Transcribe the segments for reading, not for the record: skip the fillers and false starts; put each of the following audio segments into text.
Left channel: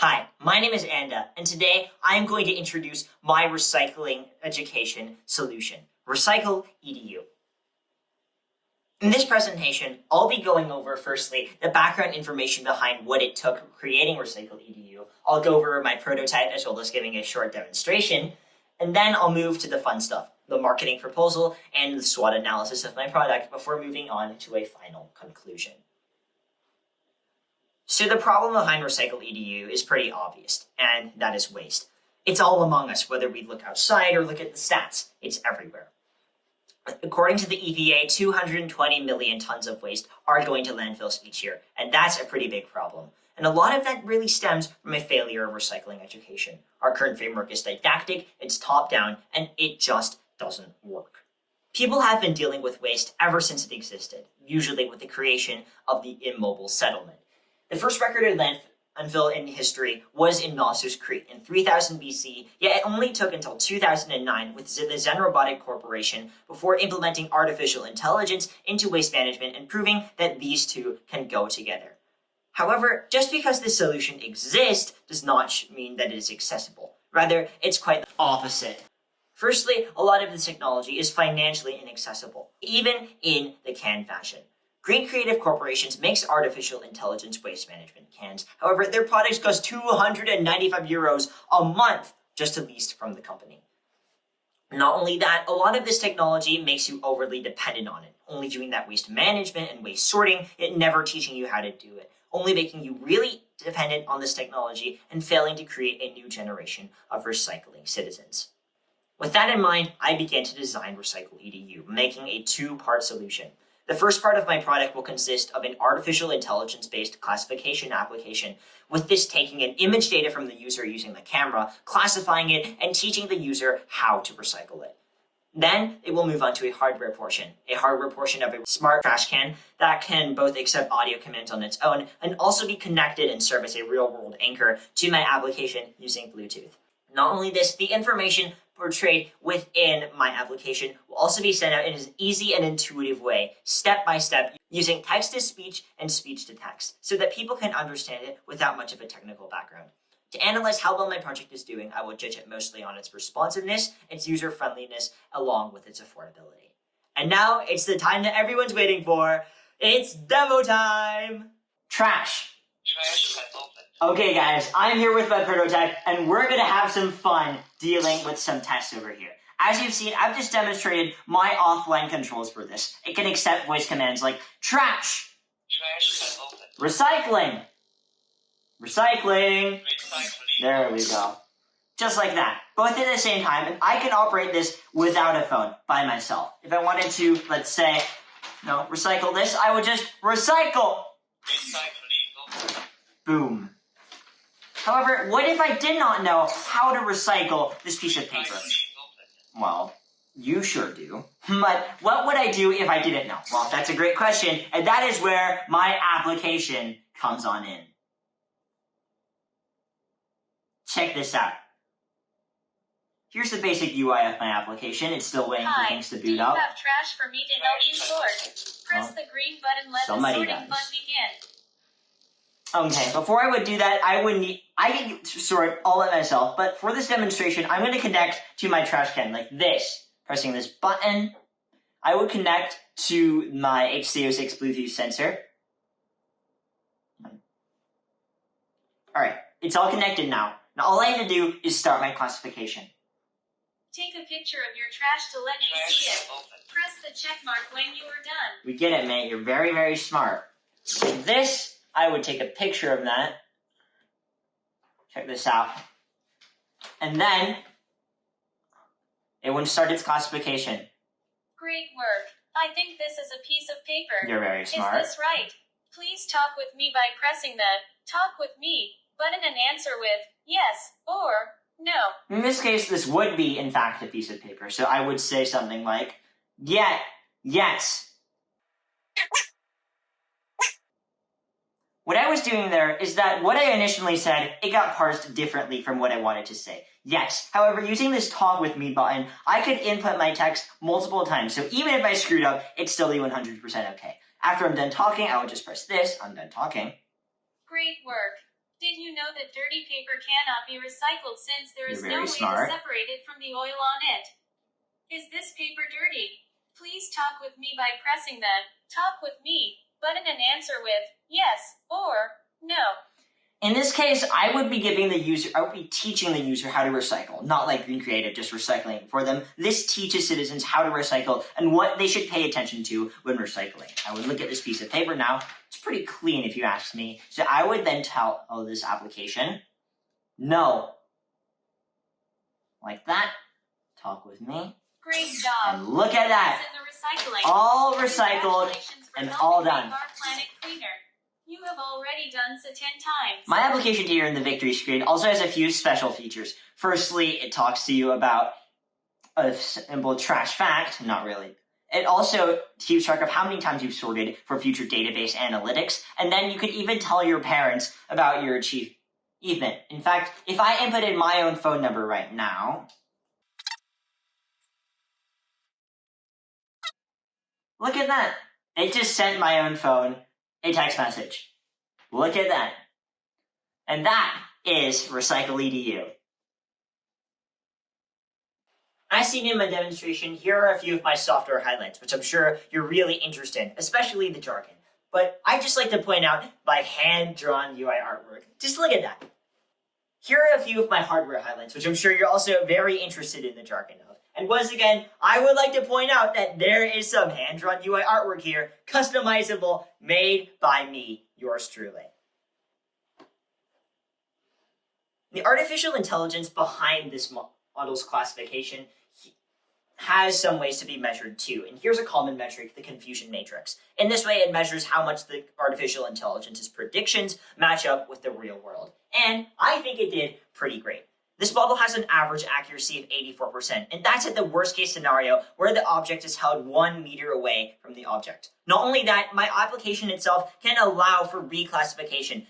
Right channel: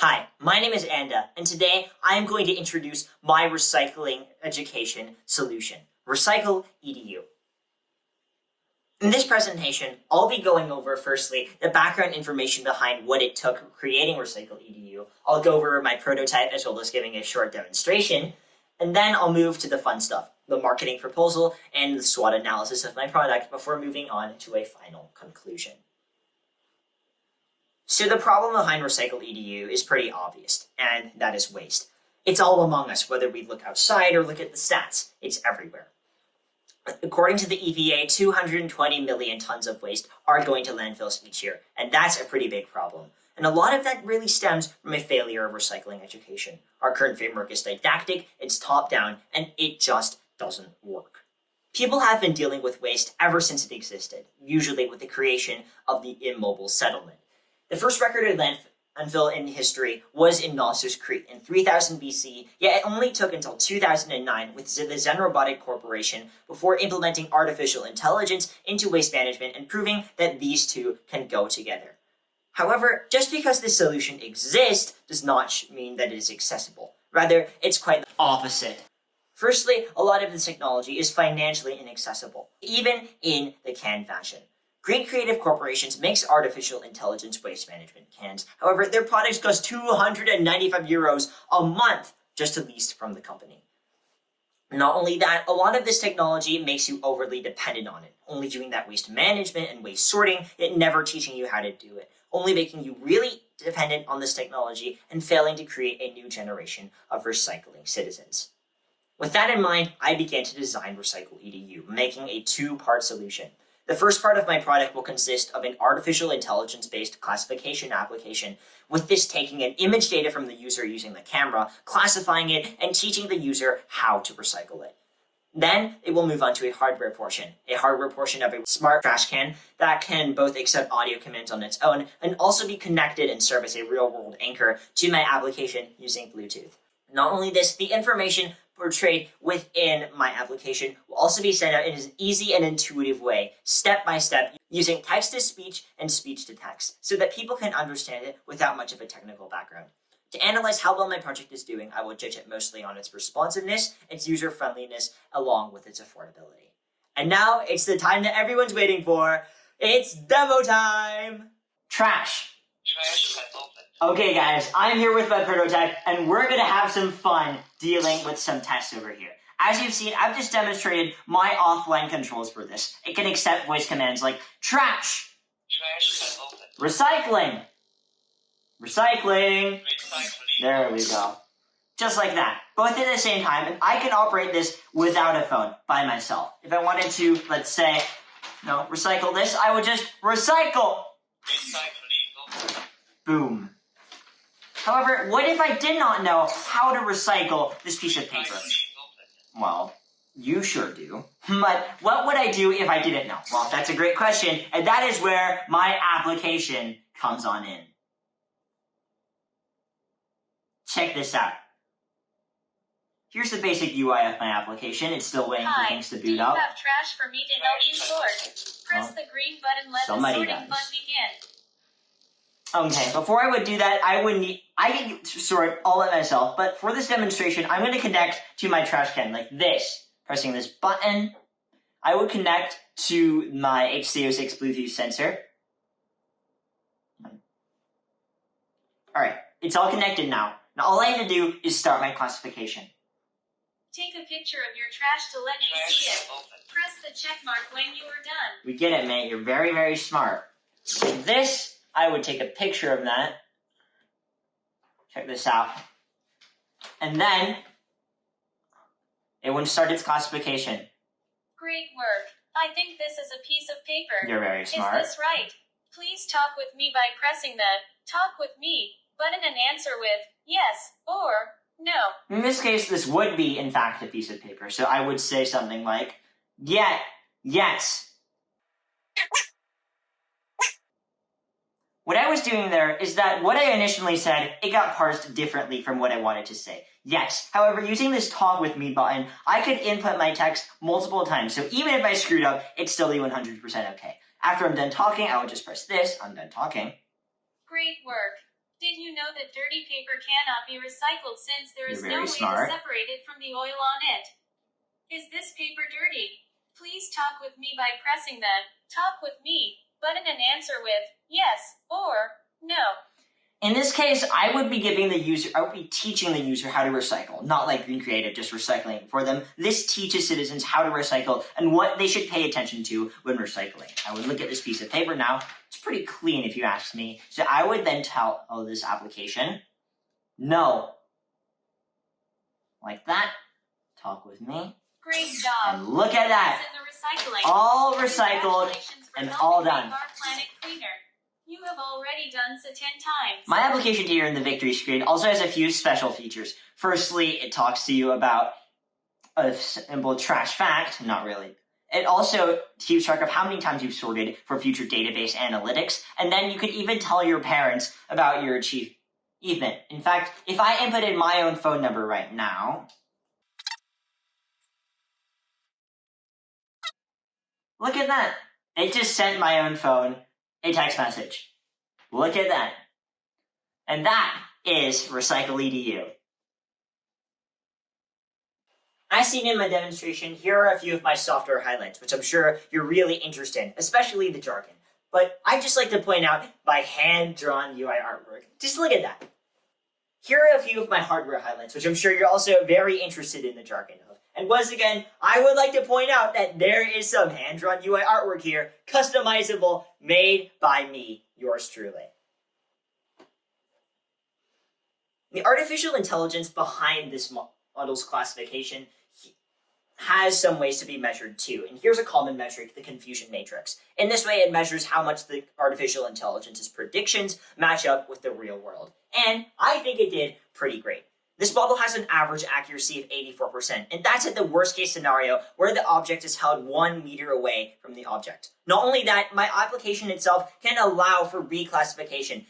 Hi, my name is Anda, and today I am going to introduce my recycling education solution, RecyclEDU. In this presentation, I'll be going over, firstly, the background information behind what it took creating RecyclEDU. I'll go over my prototype as well as giving a short demonstration, and then I'll move to the fun stuff, the marketing proposal and the SWOT analysis of my product before moving on to a final conclusion. So the problem behind RecyclEDU is pretty obvious, and that is waste. It's all among us, whether we look outside or look at the stats. It's everywhere. According to the EPA, 220 million tons of waste are going to landfills each year, and that's a pretty big problem. And a lot of that really stems from a failure of recycling education. Our current framework is didactic, it's top-down, and it just doesn't work. People have been dealing with waste ever since it existed, usually with the creation of the immobile settlement. The first recorded landfill in history was in Mosses Creek in 3000 BC, yet it only took until 2009 with the Zen Robotic Corporation before implementing artificial intelligence into waste management and proving that these two can go together. However, just because this solution exists does not mean that it is accessible. Rather, it's quite the opposite. Firstly, a lot of this technology is financially inaccessible, even in the can fashion. Green Creative Corporations makes artificial intelligence waste management cans. However, their products cost €295 a month just to lease from the company. Not only that, a lot of this technology makes you overly dependent on it, only doing that waste management and waste sorting, yet never teaching you how to do it, only making you really dependent on this technology and failing to create a new generation of recycling citizens. With that in mind, I began to design RecyclEDU, making a two-part solution. The first part of my product will consist of an artificial intelligence-based classification application, with this taking an image data from the user using the camera, classifying it, and teaching the user how to recycle it. Then it will move on to a hardware portion of a smart trash can that can both accept audio commands on its own and also be connected and serve as a real-world anchor to my application using Bluetooth. Not only this, the information portrayed within my application will also be sent out in an easy and intuitive way, step by step, using text-to-speech and speech-to-text, so that people can understand it without much of a technical background. To analyze how well my project is doing, I will judge it mostly on its responsiveness, its user-friendliness, along with its affordability. And now, it's the time that everyone's waiting for. It's demo time! Trash has opened. Okay guys, I'm here with my prototype, and we're gonna have some fun dealing with some tests over here. As you've seen, I've just demonstrated my offline controls for this. It can accept voice commands like trash has opened. Recycling. There we go. Just like that. Both at the same time, and I can operate this without a phone by myself. If I wanted to, let's say, recycle this, I would just recycle. Boom. However, what if I did not know how to recycle this piece of paper? Well, you sure do. But what would I do if I didn't know? Well, that's a great question, and that is where my application comes on in. Check this out. Here's the basic UI of my application. It's still waiting for things to boot up. Do you have trash for me to help you sort? Press the green button, let the sorting fun begin. Okay, before I would do that, I can sort all of myself, but for this demonstration, I'm going to connect to my trash can like this. Pressing this button, I would connect to my HC06 Bluetooth sensor. Alright, it's all connected now. Now all I have to do is start my classification. Take a picture of your trash to let me see it. Press the check mark when you are done. We get it, mate. You're very, very smart. Like this, I would take a picture of that. Check this out. And then it would start its classification. Great work. I think this is a piece of paper. You're very smart. Is this right? Please talk with me by pressing the Talk With Me button and answer with yes or no. In this case, this would be, in fact, a piece of paper. So I would say something like, yes. What I was doing there is that what I initially said, it got parsed differently from what I wanted to say. Yes. However, using this Talk With Me button, I could input my text multiple times. So even if I screwed up, it'd still be 100% okay. After I'm done talking, I would just press this. I'm done talking. Great work. Did you know that dirty paper cannot be recycled since there is You're no very way smart. to separate it from the oil on it. Is this paper dirty? Please talk with me by pressing the Talk with Me button and answer with yes or no. In this case, I would be teaching the user how to recycle, not like Green Creative just recycling for them. This teaches citizens how to recycle and what they should pay attention to when recycling. I would look at this piece of paper now. It's pretty clean if you ask me. So I would then tell this application, no. Like that. Talk with me. Great job. And look at that. In the recycling. All recycled Congratulations for and helping all make done. our planet cleaner. You have already done so 10 times. My application here in the victory screen also has a few special features. Firstly, it talks to you about a simple trash fact, not really. It also keeps track of how many times you've sorted for future database analytics, and then you could even tell your parents about your achievement. In fact, if I inputted my own phone number right now, look at that. It just sent my own phone a text message. Look at that. And that is RecyclEDU. As seen in my demonstration, here are a few of my software highlights, which I'm sure you're really interested in, especially the jargon. But I'd just like to point out my hand-drawn UI artwork. Just look at that. Here are a few of my hardware highlights, which I'm sure you're also very interested in the jargon of. And once again, I would like to point out that there is some hand-drawn UI artwork here, customizable, made by me, yours truly. The artificial intelligence behind this model's classification has some ways to be measured too. And here's a common metric, the confusion matrix. In this way, it measures how much the artificial intelligence's predictions match up with the real world. And I think it did pretty great. This model has an average accuracy of 84%, and that's at the worst case scenario where the object is held 1 meter away from the object. Not only that, my application itself can allow for reclassification,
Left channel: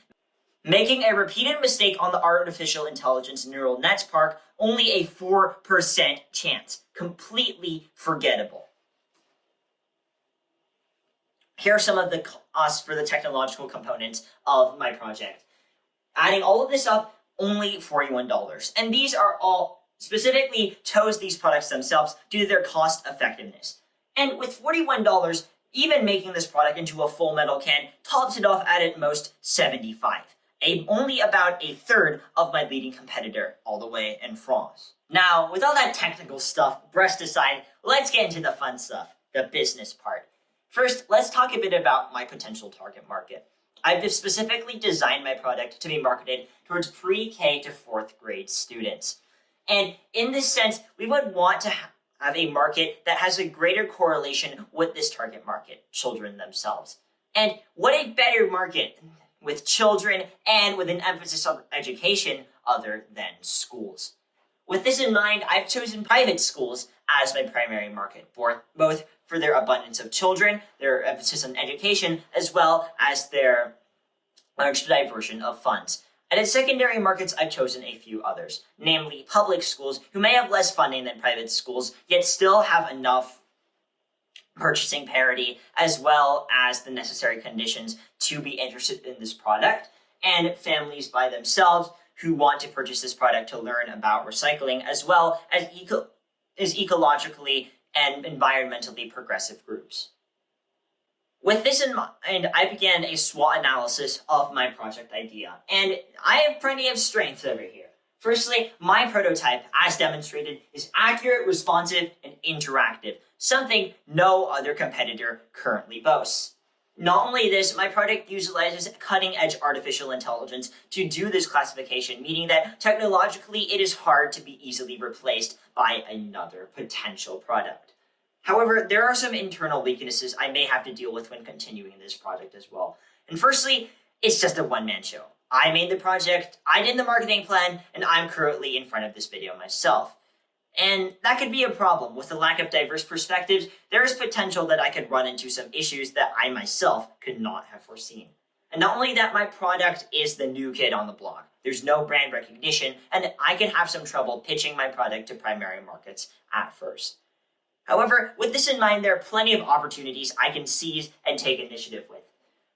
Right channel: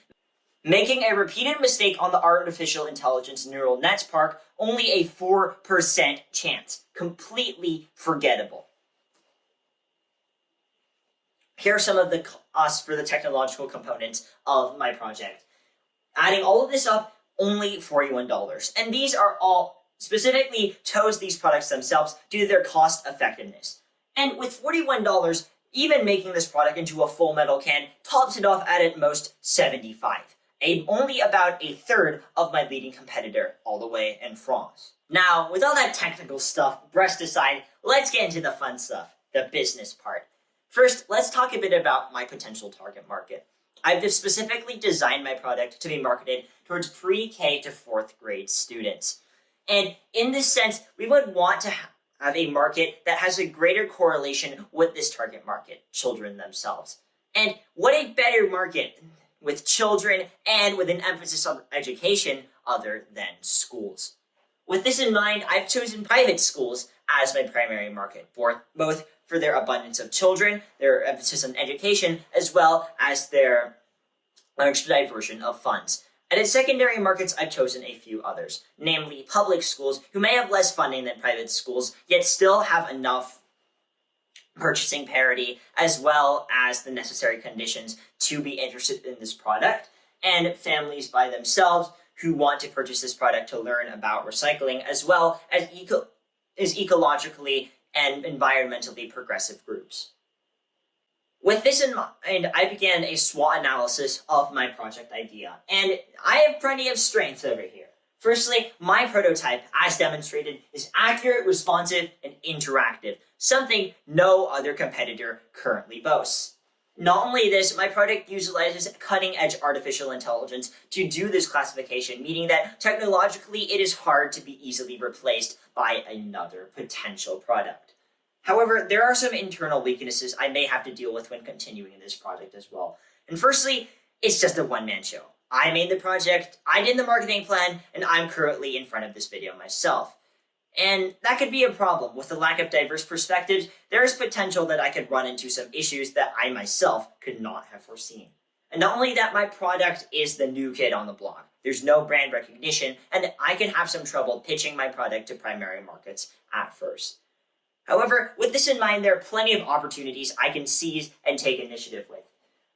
making a repeated mistake on the artificial intelligence neural nets part only a 4% chance. Completely forgettable. Here are some of the costs for the technological components of my project. Adding all of this up, only $41. And these are all specifically chose these products themselves due to their cost effectiveness. And with $41, even making this product into a full metal can tops it off at most $75. Only about a third of my leading competitor all the way in France. Now, with all that technical stuff brushed aside, let's get into the fun stuff, the business part. First, let's talk a bit about my potential target market. I've specifically designed my product to be marketed towards pre-K to 4th grade students. And in this sense, we would want to have a market that has a greater correlation with this target market, children themselves. And what a better market with children and with an emphasis on education other than schools. With this in mind, I've chosen private schools as my primary market, both for their abundance of children, their emphasis on education, as well as their large diversion of funds. And in secondary markets, I've chosen a few others, namely public schools who may have less funding than private schools, yet still have enough purchasing parity as well as the necessary conditions to be interested in this product, and families by themselves who want to purchase this product to learn about recycling, as well as ecologically and environmentally progressive groups. With this in mind, I began a SWOT analysis of my project idea, and I have plenty of strengths over here. Firstly, my prototype, as demonstrated, is accurate, responsive, and interactive, something no other competitor currently boasts. Not only this, my product utilizes cutting-edge artificial intelligence to do this classification, meaning that technologically it is hard to be easily replaced by another potential product. However, there are some internal weaknesses I may have to deal with when continuing this project as well. And firstly, it's just a one-man show. I made the project, I did the marketing plan, and I'm currently in front of this video myself. And that could be a problem. With the lack of diverse perspectives, there is potential that I could run into some issues that I myself could not have foreseen. And not only that, my product is the new kid on the block. There's no brand recognition, and I could have some trouble pitching my product to primary markets at first. However, with this in mind, there are plenty of opportunities I can seize and take initiative with.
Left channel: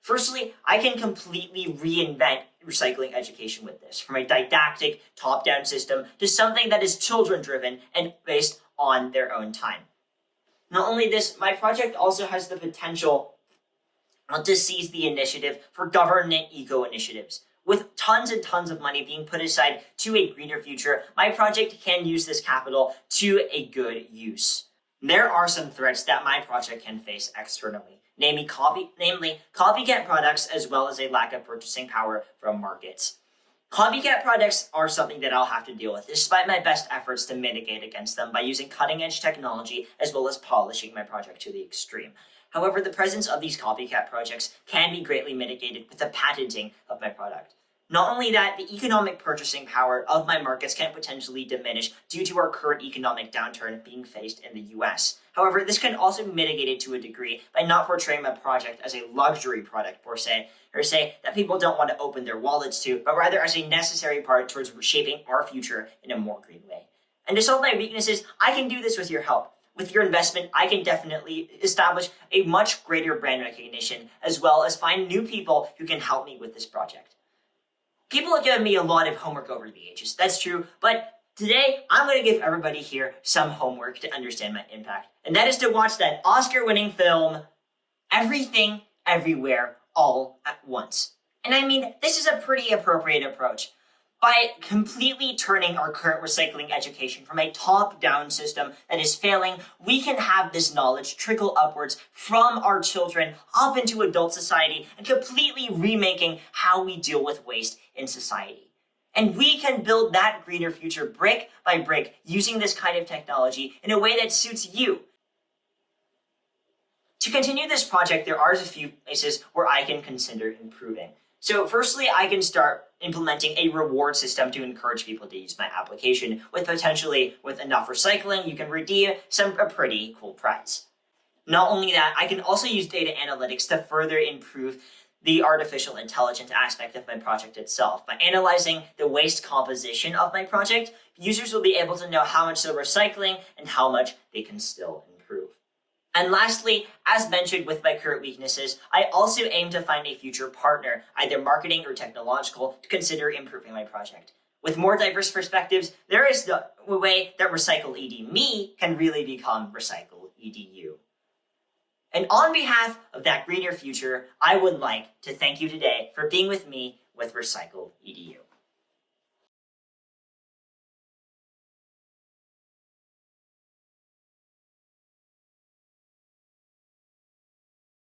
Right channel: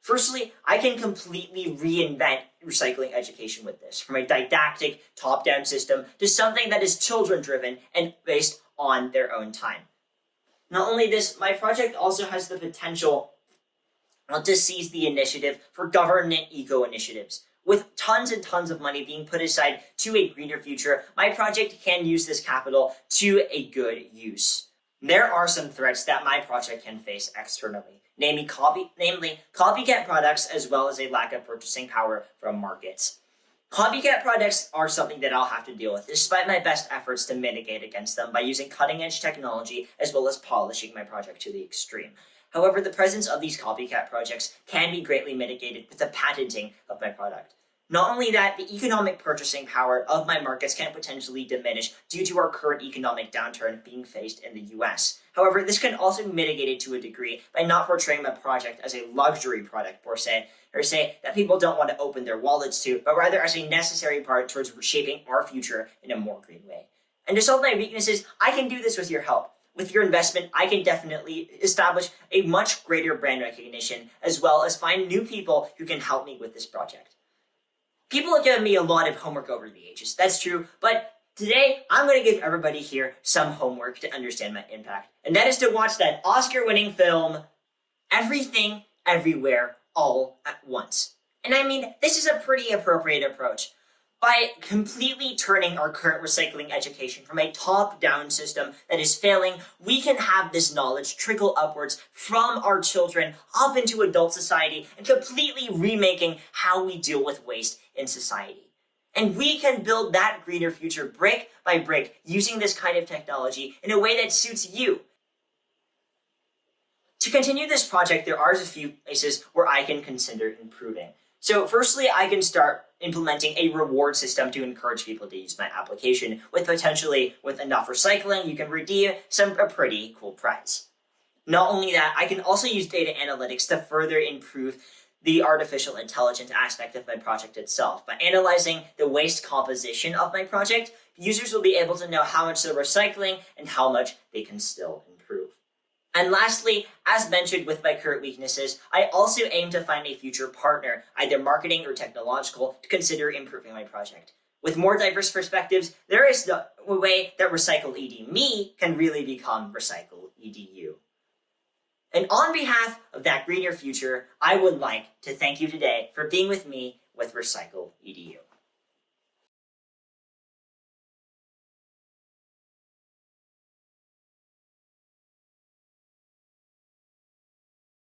Firstly, I can completely reinvent recycling education with this, from a didactic, top-down system to something that is children-driven and based on their own time. Not only this, my project also has the potential to seize the initiative for government eco-initiatives. With tons and tons of money being put aside to a greener future, my project can use this capital to a good use. There are some threats that my project can face externally, namely copycat products, as well as a lack of purchasing power from markets. Copycat products are something that I'll have to deal with, despite my best efforts to mitigate against them by using cutting-edge technology as well as polishing my project to the extreme. However, the presence of these copycat projects can be greatly mitigated with the patenting of my product. Not only that, the economic purchasing power of my markets can potentially diminish due to our current economic downturn being faced in the US. However, this can also be mitigated to a degree by not portraying my project as a luxury product per se, or say that people don't want to open their wallets to, but rather as a necessary part towards shaping our future in a more green way. And to solve my weaknesses, I can do this with your help. With your investment, I can definitely establish a much greater brand recognition, as well as find new people who can help me with this project. People have given me a lot of homework over the ages, that's true, but today I'm going to give everybody here some homework to understand my impact, and that is to watch that Oscar-winning film, Everything, Everywhere, All at Once. And I mean, this is a pretty appropriate approach. By completely turning our current recycling education from a top-down system that is failing, we can have this knowledge trickle upwards from our children up into adult society and completely remaking how we deal with waste in society. And we can build that greener future brick by brick using this kind of technology in a way that suits you. To continue this project, there are a few places where I can consider improving. So firstly, I can start implementing a reward system to encourage people to use my application, with enough recycling, you can redeem a pretty cool prize. Not only that, I can also use data analytics to further improve the artificial intelligence aspect of my project itself. By analyzing the waste composition of my project, users will be able to know how much they're recycling and how much they can still improve. And lastly, as mentioned with my current weaknesses, I also aim to find a future partner, either marketing or technological, to consider improving my project. With more diverse perspectives, there is no way that RecyclED me can really become RecyclEDU. And on behalf of that greener future, I would like to thank you today for being with me with RecyclEDU.